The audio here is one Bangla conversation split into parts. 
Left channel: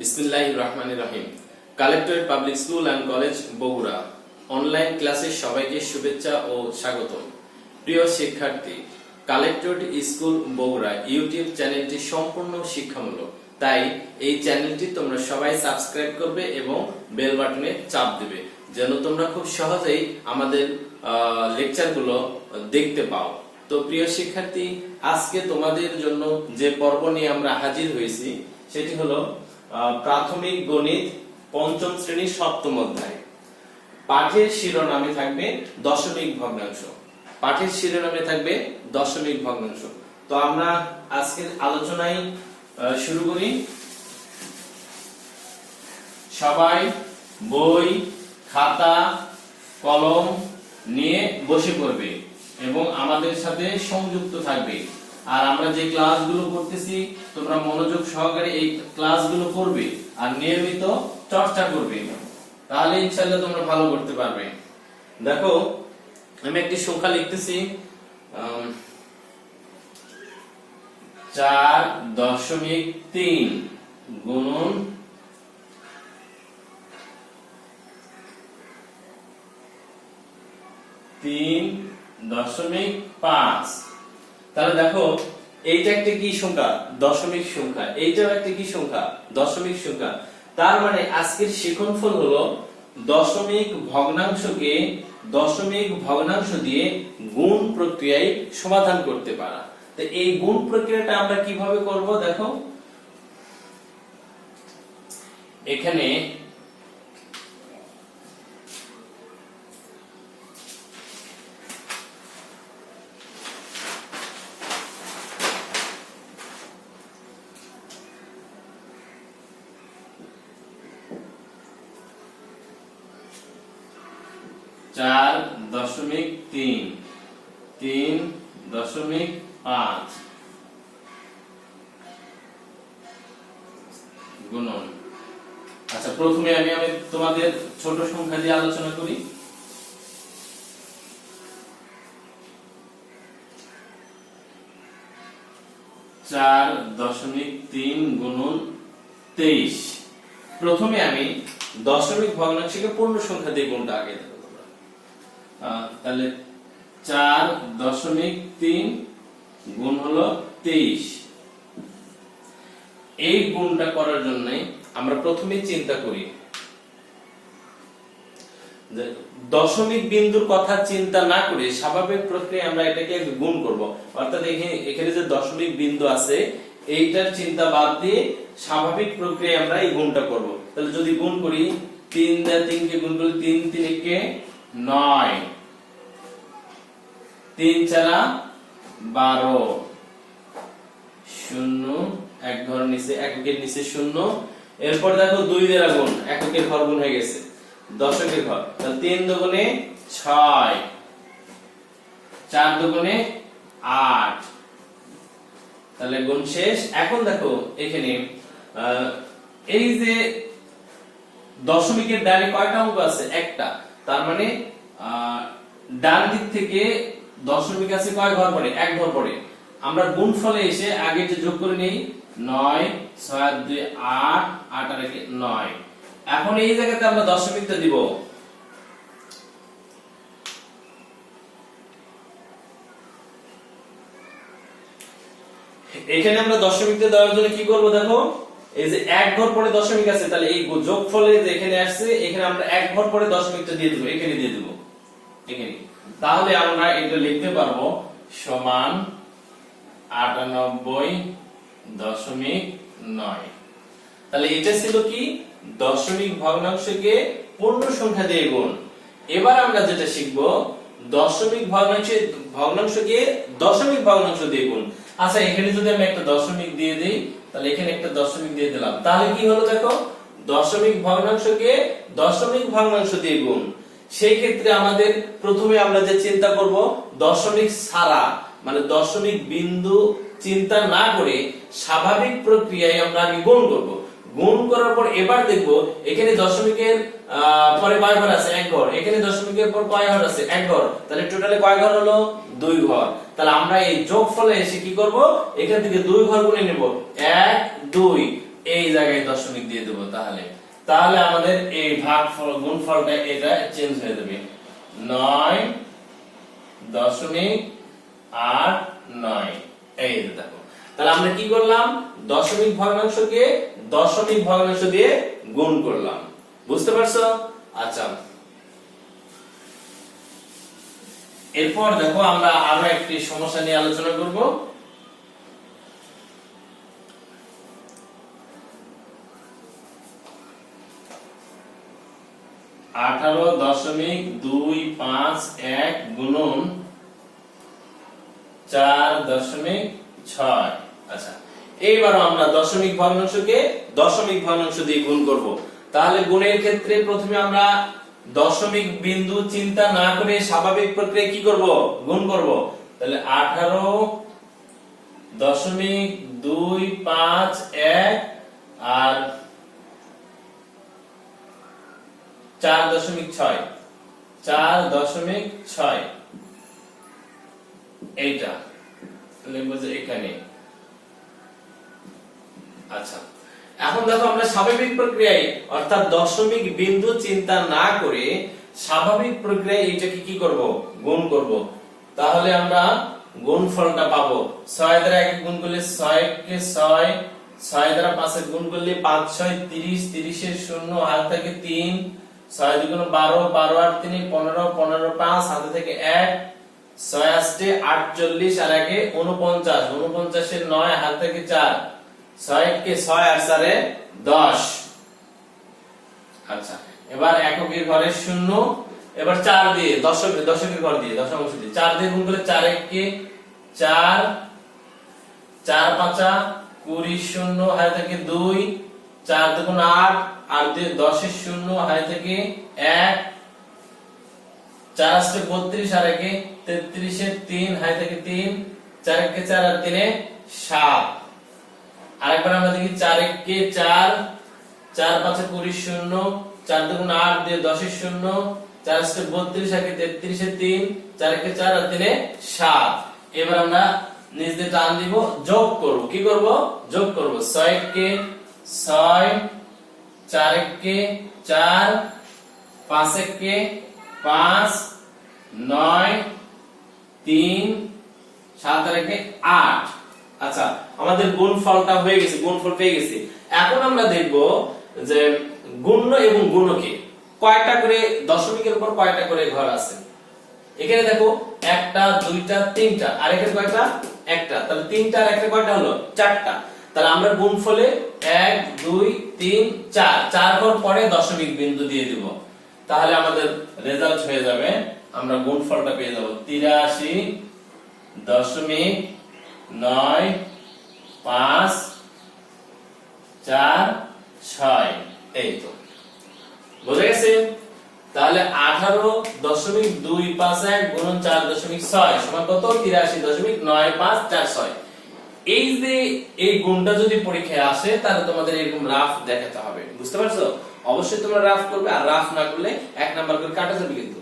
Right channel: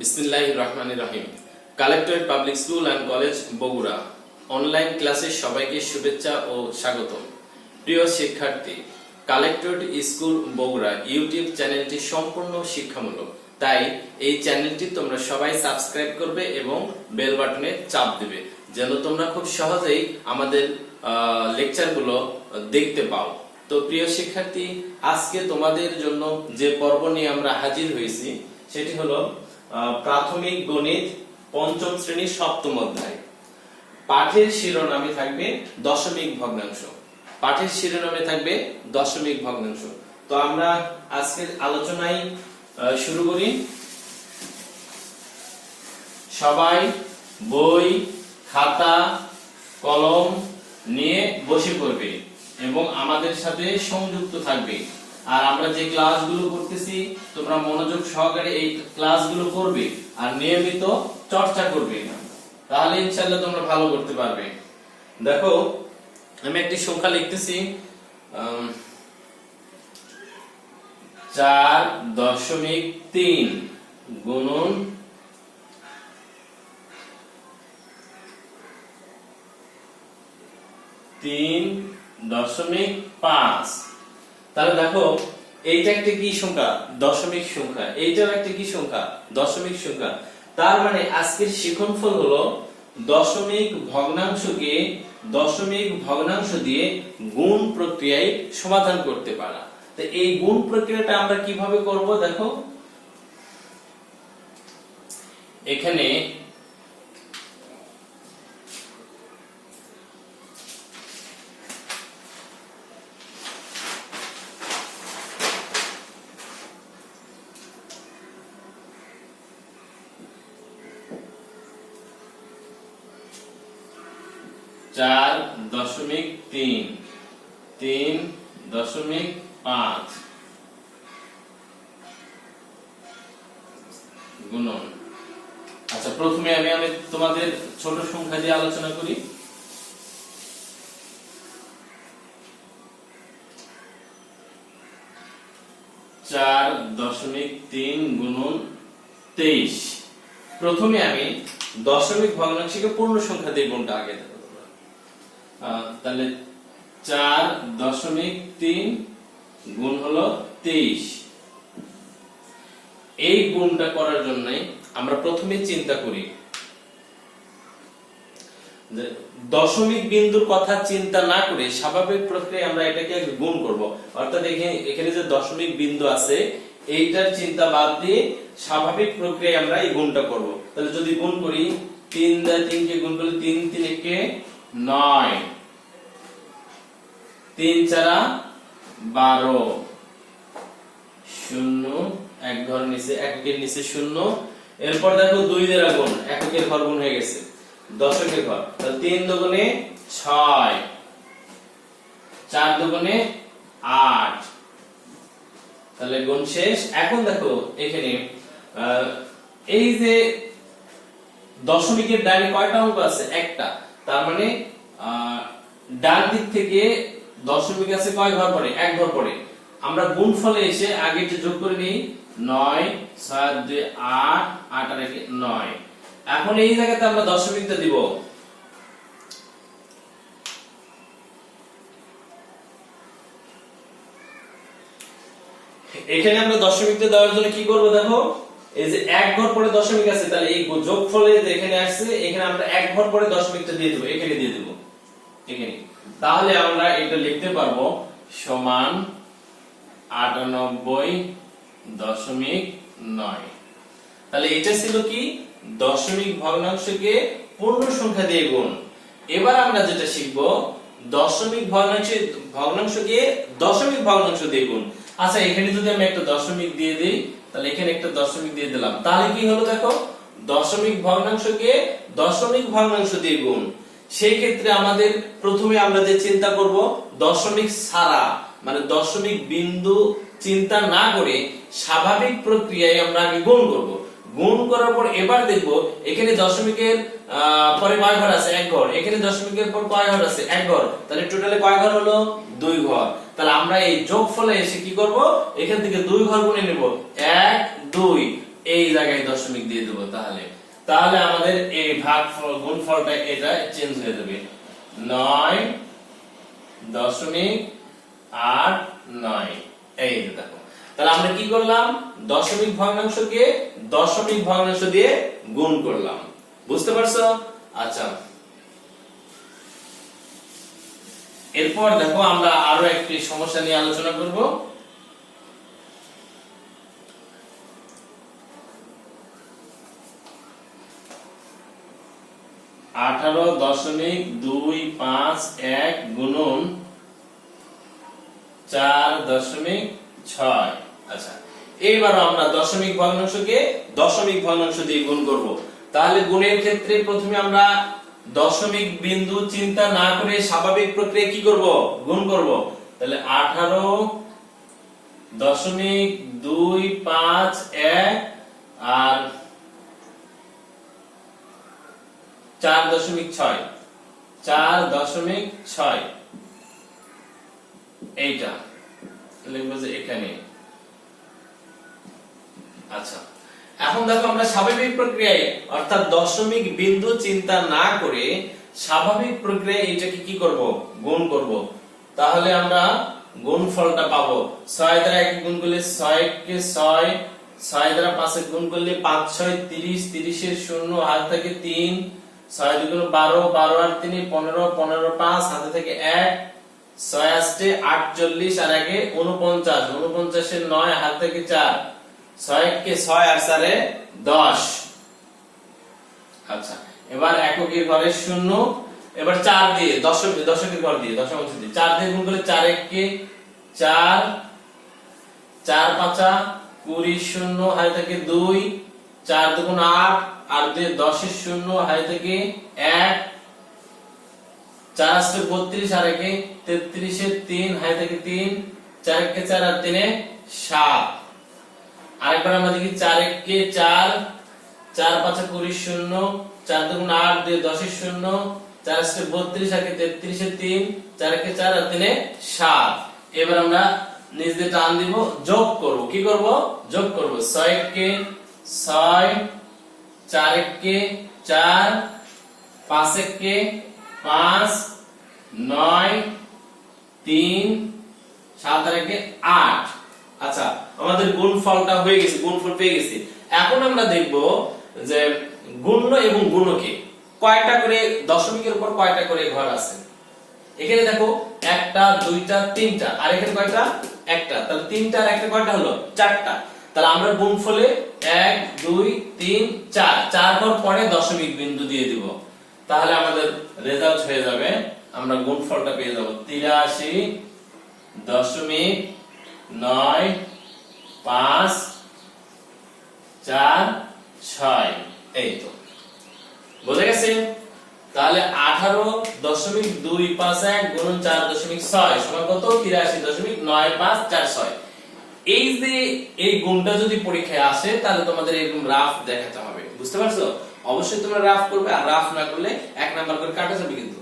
বিসমিল্লাহির রহমানির রহিম। Collectorate public school and college Bogura online ক্লাসে সবাইকে শুভেচ্ছা ও স্বাগতম। প্রিয় শিক্ষার্থী, কালেক্টরেট স্কুল বগুড়া ইউটিউব চ্যানেলটি সম্পূর্ণ শিক্ষামূলক, তাই এই চ্যানেলটি তোমরা সবাই সাবস্ক্রাইব করবে এবং বেল বাটনে চাপ দেবে যেন তোমরা খুব সহজেই আমাদের লেকচারগুলো দেখতে পাও। তো প্রিয় শিক্ষার্থী, আজকে তোমাদের জন্য যে পর্ব নিয়ে আমরা হাজির হয়েছি সেটি হলো প্রাথমিক গণিত পঞ্চম শ্রেণীর সপ্তম অধ্যায়। পাঠের শিরোনামে থাকবে দশমিক ভগ্নাংশ। পাঠের শিরোনামে থাকবে দশমিক ভগ্নাংশ। তো আমরা আজকের আলোচনায় শুরু করি। সবাই বই, খাতা, কলম নিয়ে বসে পড়বে এবং আমাদের সাথে সংযুক্ত থাকবে। আর আমরা যে ক্লাসগুলো করতেছি তোমরা মনোযোগ সহকারে এই ক্লাসগুলো করবে আর নিয়মিত চর্চা করবে, তাহলে ইনশাআল্লাহ তোমরা ভালো করতে পারবে। দেখো, আমি একটি সংখ্যা লিখতেছি 4.3 গুণন 3.5। তাহলে দেখো, এইটা একটা কি সংখ্যা? দশমিক সংখ্যা। এইটাও একটা কি সংখ্যা? দশমিক সংখ্যা। তার মানে আজকের শিক্ষণফল হলো দশমিক ভগ্নাংশ দিয়ে গুণ প্রক্রিয়ায় সমাধান করতে পারা। তো এই গুণ প্রক্রিয়াটা আমরা কিভাবে করব? দেখো, এখানে চার দশমিক 3.5 গুণন। আচ্ছা, প্রথমে আমি তোমাদের ছোট সংখ্যা দিয়ে আলোচনা করি। 4.3 গুণন 23। প্রথমে আমি দশমিক ভগ্নাংশকে পূর্ণ সংখ্যা দিয়ে গুণটা আগে দেব। তাহলে 4.3 গুণ হলো 23। এই গুণটা করার জন্য আমরা প্রথমে চিন্তা করি, দশমিক বিন্দুর কথা চিন্তা না করে স্বাভাবিক প্রক্রিয়ায় আমরা এটাকে গুণ করব। অর্থাৎ এখানে যে দশমিক বিন্দু আছে এইটার চিন্তা বাদ দিয়ে স্বাভাবিক প্রক্রিয়ায় আমরা এই গুণটা করব। তাহলে যদি গুণ করি, 3 দিয়ে 3 কে গুণ করলে 3 3 একে 9, 3 4 12, 0 এক ঘর নিচে, এককের নিচে 0। এরপর দেখো 2 দিয়ে গুণ, এককের ঘর গুণ হয়ে গেছে, দশকের ঘর। তাহলে 3 দুগুণে 6, 4 দুগুণে 8। তাহলে গুণ শেষ। এখন দেখো এখানে এই যে দশমিকের ডানে কয়টা অঙ্ক আছে? একটা। তার মানে ডান দিক থেকে দশমিক আছে কয় ঘর পরে? এক ঘর পরে। আমরা গুণফলে এসে আগে যোগ করে নেই, 9 6 2 8 8 আর 9। এখন এই জায়গাতে আমরা দশমিকটা দিব। এখানে আমরা দশমিকটা দেওয়ার জন্য কি করব? দেখো, এই যে এক ঘর পরে দশমিক আছে, তাহলে এই যোগফলে এখানে আসছে, এখানে আমরা এক ঘর পরে দশমিকটা দিয়ে দেব, এখানে দিয়ে দেব এখানে। তাহলে আমরা এটা লিখতে পারবো সমান 98.9। তাহলে এটা ছিল কি? দশমিক ভগ্নাংশকে পূর্ণ সংখ্যা দিয়ে গুণ। এবার আমরা যেটা শিখবো, দশমিক ভগ্নাংশকে দশমিক ভগ্নাংশ দিয়ে গুণ। আচ্ছা, এখানে যদি আমি একটা দশমিক দিয়ে দিই, তাহলে এখানে একটা দশমিক দিয়ে দিলাম, তাহলে কি হলো? দেখো, দশমিক ভগ্নাংশকে দশমিক ভগ্নাংশ দিয়ে গুণ। সেই ক্ষেত্রে আমাদের প্রথমে আমরা যে চিন্তা করব, দশমিক ছাড়া মানে দশমিক বিন্দু চিন্তা না করে স্বাভাবিক প্রক্রিয়ায় আমরা আগে গুণ করব। গুণ করার পর এবার দেখব এখানে দশমিকের পরে কয় ঘর আছে? এক ঘর। এখানে দশমিকের পর কয় ঘর আছে? এক ঘর। তাহলে টোটালে কয় ঘর হলো? 2 ঘর। তাহলে আমরা এই যোগফলে এসে কি করব? এখান থেকে 2 ঘর গুণে নেব, 1 2। এই জায়গায় দশমিক দিয়ে দেবো। তাহলে তাহলে আমাদের এই গুণফলটা এটা চেঞ্জ হয়ে যাবে, 9.89। এই যে দেখো, তাহলে আমরা কি করলাম, দশমিক ভগ্নাংশকে দশমিক ভগ্নাংশ দিয়ে গুণ করলাম। বুঝতে পারছো? আচ্ছা, এরপর দেখো আমরা আরো একটি সমস্যা নিয়ে আলোচনা করব। 18.251 গুণন 4.6। আচ্ছা, এইবার আমরা দশমিক ভগ্নাংশকে দশমিক ভগ্নাংশ দিয়ে গুণ করব। তাহলে গুণের ক্ষেত্রে প্রথমে আমরা দশমিক বিন্দু চিন্তা না করে স্বাভাবিক প্রক্রিয়ায় কি করব, গুণ করব। তাহলে 18.251 আর 4.6 এইটা লিখবো যে এখানে। আচ্ছা, এখন দেখো আমরা স্বাভাবিক প্রক্রিয়ায় অর্থাৎ দশমিক বিন্দু চিন্তা না করে স্বাভাবিক প্রক্রিয়ায় এইটাকে কি করব, গুণ করব। তাহলে আমরা গুণফলটা পাবো, 6 দ্বারা 1 গুণ করলে 6 কে 6, 6 দ্বারা 5 গুণ করলে 5 6 30, 30 এর 0 হাত থেকে 3, 6 দুগুণ 12, 12 আর 3 15, 15 5 হাতে থেকে 1, 6 আসতে 48 আর 1 49, 49 এর 9 হাত থেকে 4, 6 কে 6 আর 4 10। আচ্ছা, এবার এককের ঘরে 0, এবার 4 দিয়ে দশকের ঘর দিয়ে দশমাংশ দিয়ে 4 দিয়ে গুণ করলে 4 1 কে 4, 4 5 20 0 হাতে থেকে 2, 4 দুগুণ 8 আর 2 10 এর 0 হাতে থেকে 1, 4 আসতে 32 আর 1 33 এর 3 হাতে থেকে 3, 4 কে 4 আর 3 7। আরেকবার আমরা দেখি 4 1 কে 4, 4 5 20 0, 4 দুগুণ 8 2 10 এর 0, 4 আসতে 32 আর 33 এর 3, 4 কে 4 আর 3 7। এবার আমরা নিচ দিয়ে টান দিব, যোগ করব। কি করব, যোগ করব। 6 কে 6, 4 কে 4, 5 কে 5, 9 3 7 আর 8। আচ্ছা, আমাদের গুণফলটা হয়ে গেছে, গুণফল পেয়ে গেছি। এখন আমরা দেখব যে গুণ্য এবং গুণকে কয়টা করে দশমিকের উপর কয়টা করে ঘর আছে। এখানে দেখো 1টা 2টা 3টা, আর এখানে কয়টা, একটা। তাহলে 3টা আর একটা কয়টা হলো, 4টা। তাহলে আমরা গুণফলে 1 2 3 4 4 ঘর পরে দশমিক বিন্দু দিয়ে দিব। তাহলে আমাদের রেজাল্ট হয়ে যাবে, আমরা গুণফলটা পেয়ে যাব 83.956। এই তো বুঝে গেছে। তাহলে 18.251 গুণন 4.6 সমান কত, 83.9546। এই যে এই গুণটা যদি পরীক্ষায় আসে তাহলে তোমাদের এরকম রাফ দেখাতে হবে। বুঝতে পারছো? অবশ্যই তোমরা রাফ করবে, আর রাফ না করলে 1 নাম্বার করে কাটা যাবে কিন্তু।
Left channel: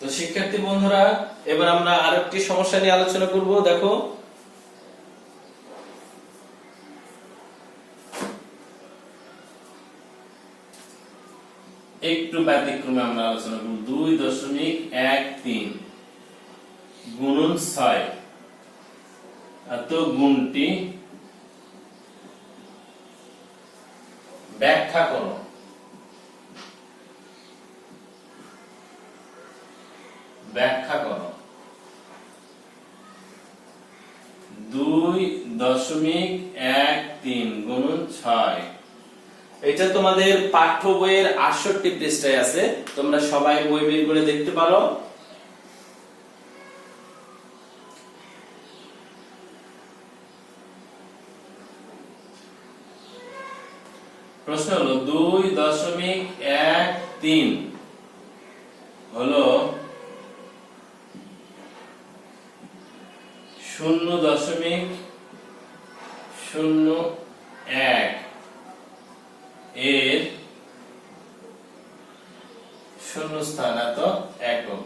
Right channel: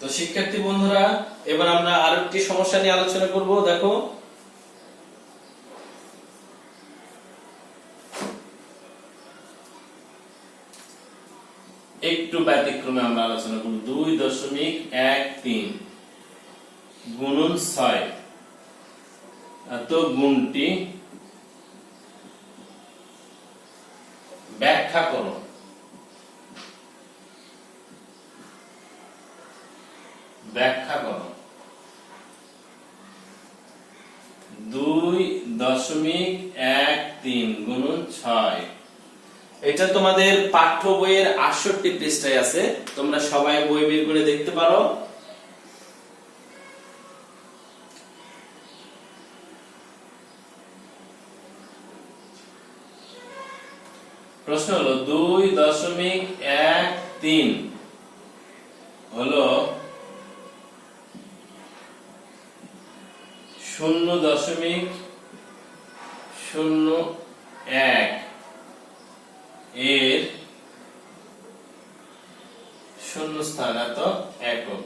তো শিক্ষার্থী বন্ধুরা, এবার আমরা আরেকটি সমস্যা নিয়ে আলোচনা করব। দেখো, একটু ব্যতিক্রমে আমরা আলোচনা করব। 2.13 গুণন 6, এত গুণটি ব্যাখ্যা করো। ব্যাখ্যা করো। 2.13 গুণন 6, এটা তোমাদের পাঠ্য বইয়ের 68 পৃষ্ঠায় আছে, তোমরা সবাই বই বের করে দেখতে পারো। প্রশ্ন হলো 2.13 হলো 0.01 এর শূন্যস্থান এত একক।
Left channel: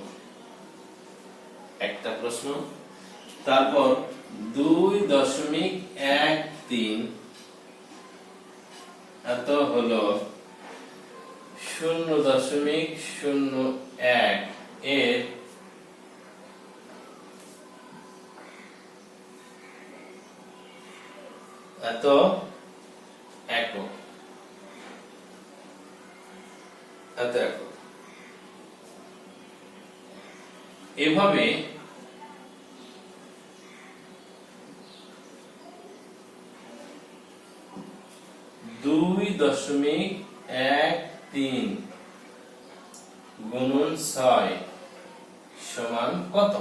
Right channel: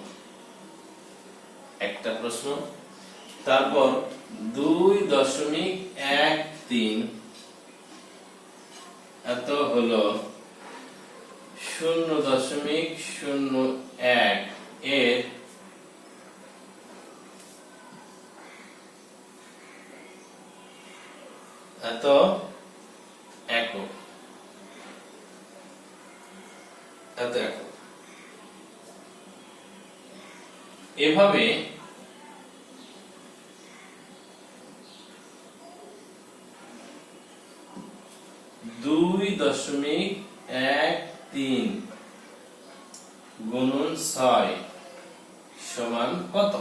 একটা প্রশ্ন। তারপর 2.13 এত হলো 0.01 এর এত একক। এভাবে 2.13 গুণন 6 সমান কত?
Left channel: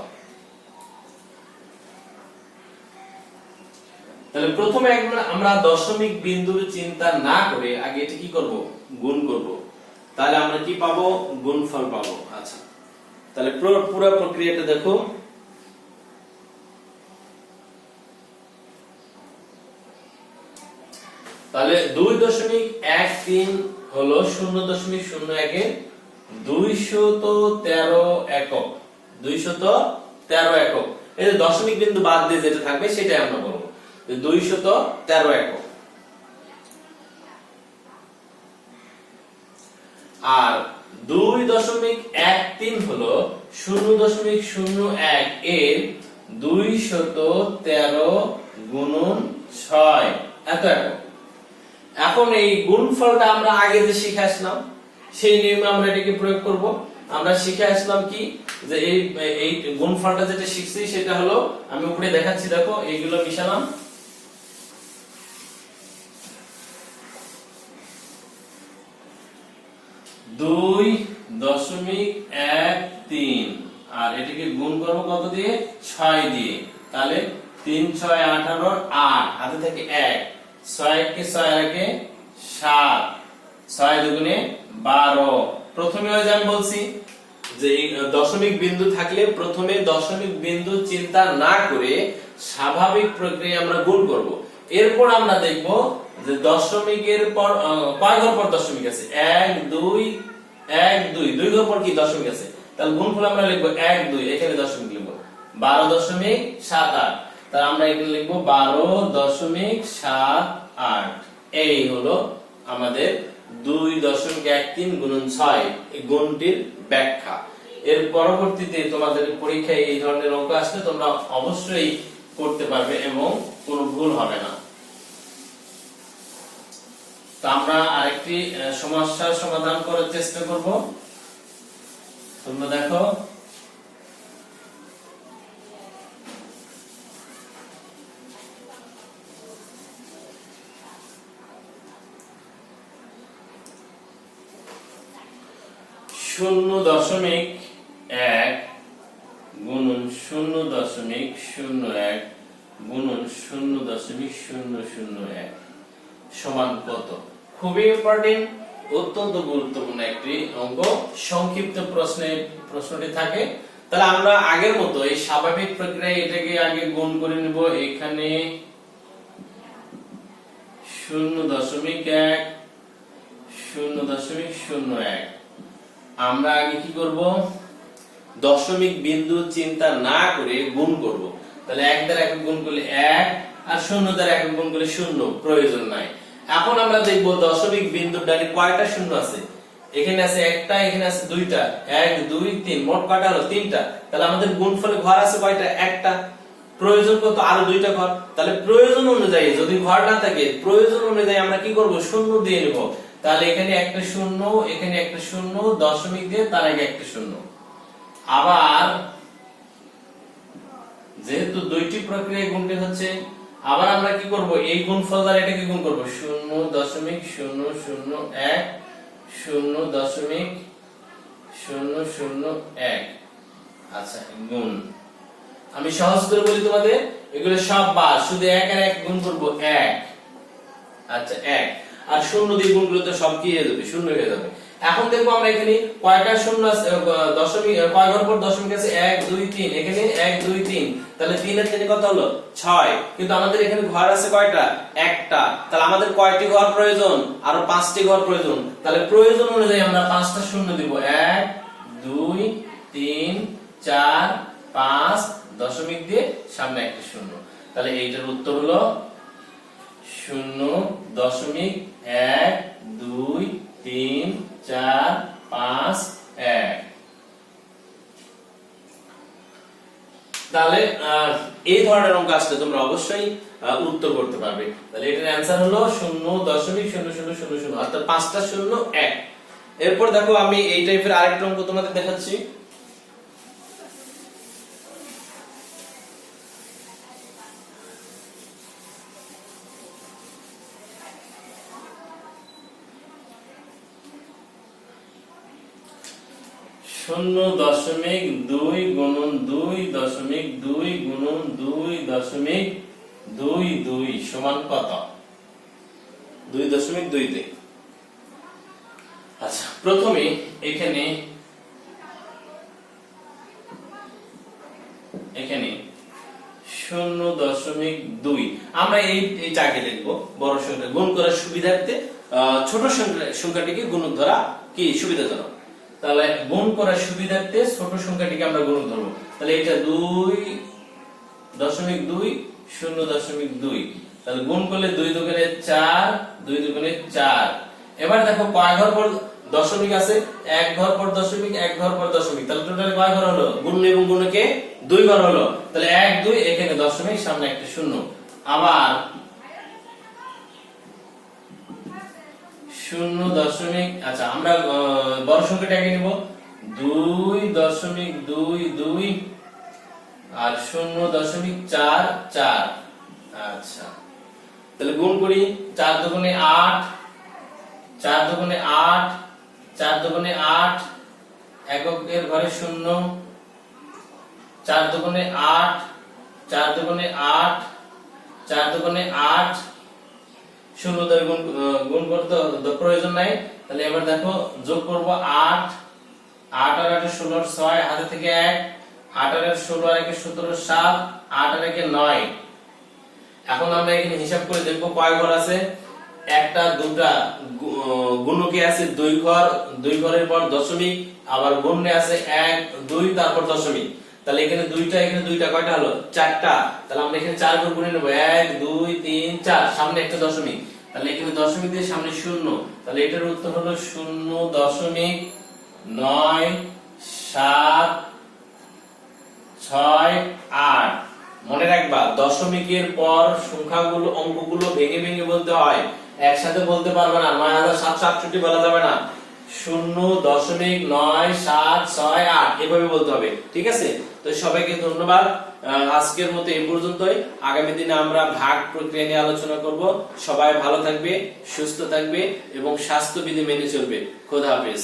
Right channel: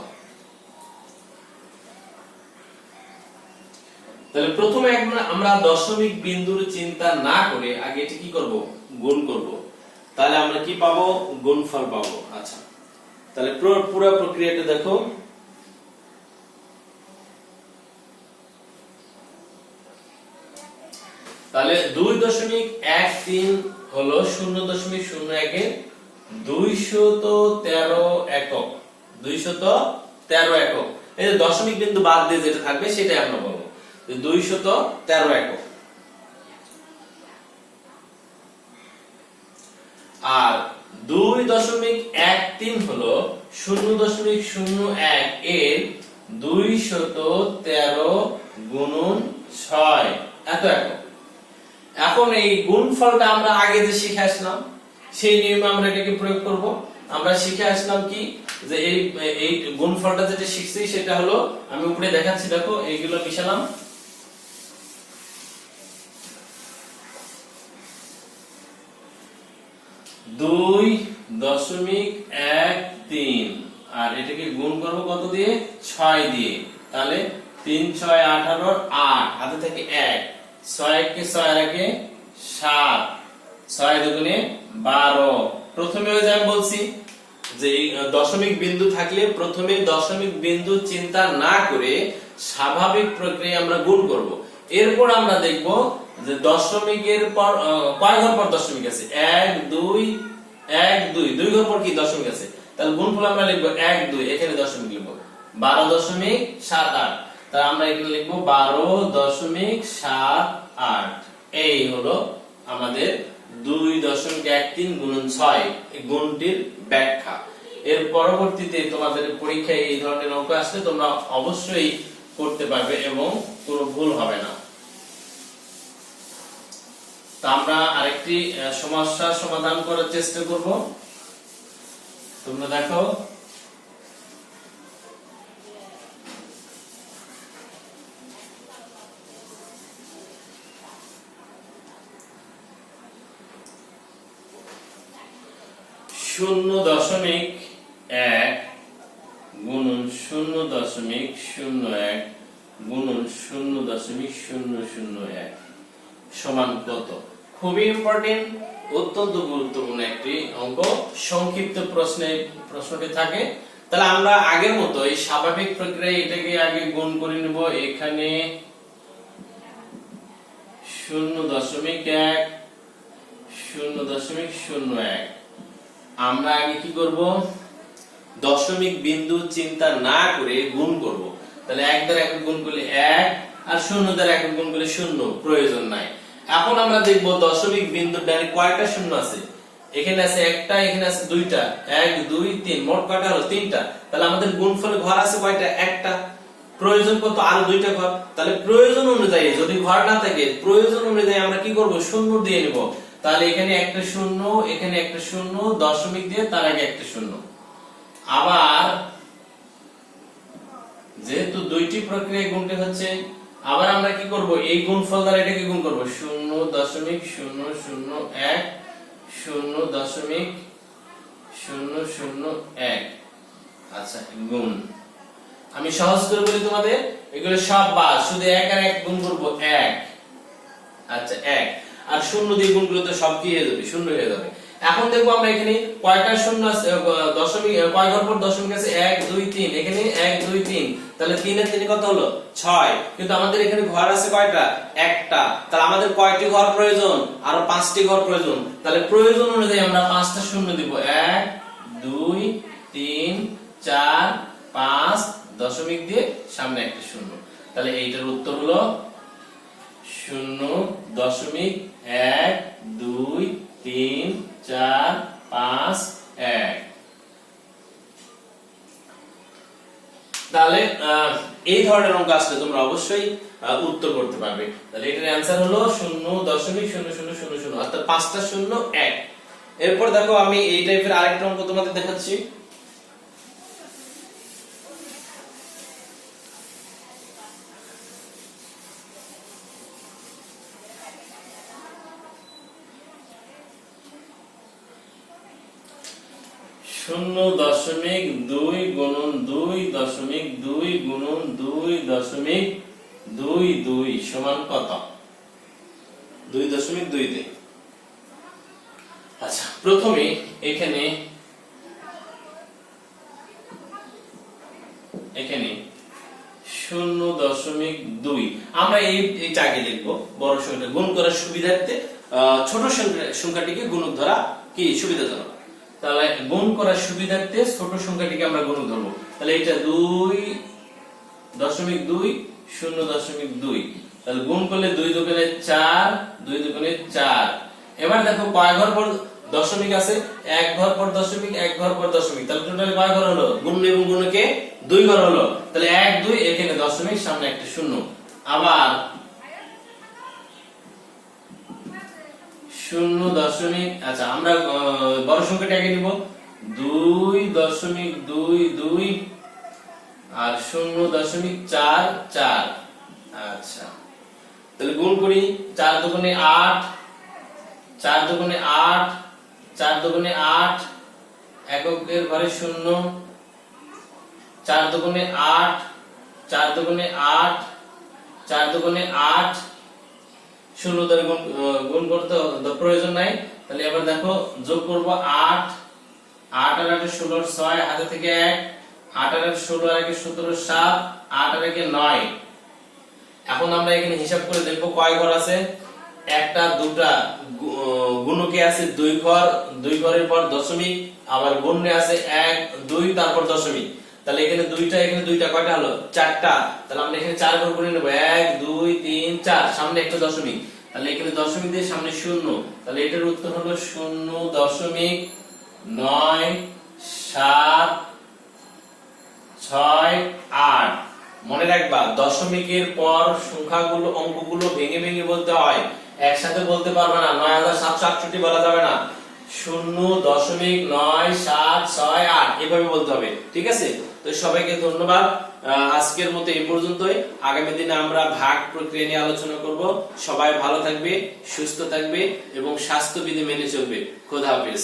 তাহলে প্রথমে আমরা দশমিক বিন্দুর চিন্তা না করে আগে এটা কি করব, গুণ করব। তাহলে আমরা কি পাবো, গুণফল পাবো। আচ্ছা, তাহলে পুরো প্রক্রিয়াটা দেখো। তাহলে 2.13 হলো 0.01 এর 213 একক। 213 একক, এই যে দশমিক বিন্দু বাদ দিয়ে যেটা থাকবে সেটাই আমরা বলবো 213 একক। আর 2.13 হলো 0.01 এর 213 গুণন 6 এত একক। এখন এই গুণফলটা আমরা আগে যে শিখে আসলাম সেই নিয়মে আমরা এটাকে প্রয়োগ করব। আমরা শিখে আসলাম কি, যে এই গুণফলটা যেটা শিখছি সেটা হলো, আমি উপরে দেখাচ্ছি দেখো, এইগুলো মিশালাম। দুই 2.13 আর এটাকে গুণ করবো কত দিয়ে, 6 দিয়ে। তাহলে 3 6 18 8 হাতে থেকে 1, 6 কে 6 রেখে 7, 6 দুগুণে 12। প্রথমে ওই যে আমি বলছি যে দশমিক বিন্দু থাকলে প্রথমে দশমিক বিন্দু চিন্তা না করে স্বাভাবিক প্রক্রিয়া আমরা গুণ করব। এরপর আমরা দেখব যে দশমিকের পর কয় ঘর পর দশমিক আছে, 1 2 1 2 দুই ঘর পর কি দশমিক আছে। তাহলে গুণফল আমরা লিখব 1 2, এখানে দশমিক লিখব 12.78। তাহলে আমরা এখানে লিখব 12.78। এই হলো আমাদের 2.13 গুণন 6 এই গুণটির ব্যাখ্যা। এর পরবর্তীতে তোমাদের পরীক্ষায় এই ধরনের অঙ্ক আসলে তোমরা অবশ্যই করতে পারবে এবং কোনো ভুল হবে না। তো আমরা আরেকটি সমস্যার সমাধান করার চেষ্টা করব। তোমরা দেখো, শূন্য দশমিক 1 গুণন 0.01 গুণন 0.001 সমান কত? খুবই ইম্পর্টেন্ট, অত্যন্ত গুরুত্বপূর্ণ একটি অঙ্ক। সংক্ষিপ্ত প্রশ্নটি থাকে। তাহলে আমরা আগের মতো এই স্বাভাবিক প্রক্রিয়ায় এটাকে আগে গুণ করে নেব। এখানে 0.1 0.01 আমরা আগে কি করব, দশমিক বিন্দু চিন্তা না করে গুণ করব। তাহলে 1 দ্বারা একক গুণ করলে 1 আর 0 দ্বারা একক গুণ করলে 0, প্রয়োজন নাই। এখন আমরা দেখব দশমিক বিন্দুর ডানে কয়টা শূন্য আছে। এখানে আছে একটা, এখানে আছে দুইটা, 1 2 3, মোট কয়টা হলো 3টা। তাহলে আমাদের গুণফলে ঘর আছে কয়টা, একটা। প্রয়োজন কত, আরো 2টা ঘর। তাহলে প্রয়োজন অনুযায়ী, যদি ঘর না থাকে প্রয়োজন অনুযায়ী আমরা কি করব, শূন্য দিয়ে নেব। তাহলে এখানে একটা শূন্য, এখানে একটা শূন্য, দশমিক দিয়ে তার আগে একটা শূন্য। আবার যেহেতু দুইটি প্রক্রিয়া গুণটি হচ্ছে, আবার আমরা কি করব, এই গুণফল দ্বারা এটাকে গুণ করব, 0.001 0.001। আচ্ছা, গুণ আমি সহজ করে বলি তোমাদের, এগুলো সব বাদ, শুধু 1 আর 1 গুণ করব 1। আচ্ছা, 1 আর 0 দিয়ে গুণ করলে তো সব কি হয়ে যাবে, শূন্য হয়ে যাবে। এখন দেখবো আমরা এখানে কয়টা শূন্য আছে, দশমিক কয় ঘর পর দশমিক আছে, 1 2 3, এখানে 1 2 3। তাহলে 3 এর 3 কত হলো, 6। কিন্তু আমাদের এখানে ঘর আছে কয়টা, একটা। তাহলে আমাদের কয়টি ঘর প্রয়োজন, আরো 5টি ঘর প্রয়োজন। তাহলে প্রয়োজন অনুযায়ী আমরা 5টা শূন্য দিব, 1 2 3 4 5 দশমিক দিয়ে সামনে একটা শূন্য, তাহলে এইটার উত্তর হলো 0.12345 তাহলে এই ধরনের অঙ্ক আসলে তোমরা অবশ্যই উত্তর করতে পারবে। তাহলে এটার অ্যান্সার হলো 0.0000 অর্থাৎ 5টা শূন্য 1। এরপর দেখো আমি এই টাইপের আরেকটা অঙ্ক তোমাদের দেখাচ্ছি। শূন্য দশমিক 2 গুণন 2.2 গুণন 2.22 সমান কত? 2.2 তে। আচ্ছা, প্রথমে এখানে 0.2 আমরা এই চাকে দেখবো বড় সংখ্যা গুণ করার সুবিধার্থে ছোট সংখ্যাটিকে গুণক ধরা কি সুবিধাজনক। তাহলে গুণ করার সুবিধার্থে ছোট সংখ্যাটিকে আমরা গুণক ধরবো। তাহলে এটা 2.2 0.2, তাহলে গুণ করলে 2 দুগুণে 4 2 দুগুণে 4। এবার দেখো কয় ঘর পর দশমিক আছে? 1 ঘর পর দশমিক 1 ঘর পর দশমিক, তাহলে টোটাল কয় ঘর হলো? গুণ এবং গুণকে 2 ঘর হলো, তাহলে 1 2 এখানে দশমিক সামনে একটা শূন্য। আবার 0. আচ্ছা আমরা বড় সংখ্যাটাকে নিব 2.22 আর 0.44। আচ্ছা, তাহলে গুণ করি 4 দুগুণে 8 4 দুগুণে 8 4 দুগুণে 8 এককের ঘরে 0 4 দুগুণে 8 4 দুগুণে 8 4 দুগুণে 8 শূন্য দ্বারা গুণ করতে প্রয়োজন নাই। তাহলে এবার দেখো যোগ করব 8 8 আর 8 16 6 হাতে থেকে 1 8 আর 16 আর 1 17 7 8 আর 1 9। এখন আমরা এখানে হিসাব করে দেখব কয় ঘর আছে। একটা দুটা গুণকে আছে 2 ঘর, 2 ঘরের পর দশমিক, আবার গুণে আছে 1 2 তারপর দশমিক। তাহলে এখানে দুইটা কয়টা হলো? 4টা। তাহলে আমরা এখানে 4 ঘর গুণে নেব 1 2 3 4, সামনে একটা দশমিক, তাহলে এখানে দশমিক দিয়ে সামনে শূন্য, তাহলে এটার উত্তর হলো 0.978। মনে রাখবা দশমিকের পর সংখ্যাগুলো অঙ্কগুলো ভেঙে ভেঙে বলতে হয়, একসাথে বলতে পারবে না। 9768 বলা যাবে না, 0.9768 এভাবে বলতে হবে, ঠিক আছে? তো সবাইকে ধন্যবাদ। আজকের মতো এই পর্যন্তই। আগামী দিনে আমরা ভাগ প্রক্রিয়া নিয়ে আলোচনা করব। সবাই ভালো থাকবে, সুস্থ থাকবে এবং স্বাস্থ্যবিধি মেনে চলবে। খোদা হাফেজ।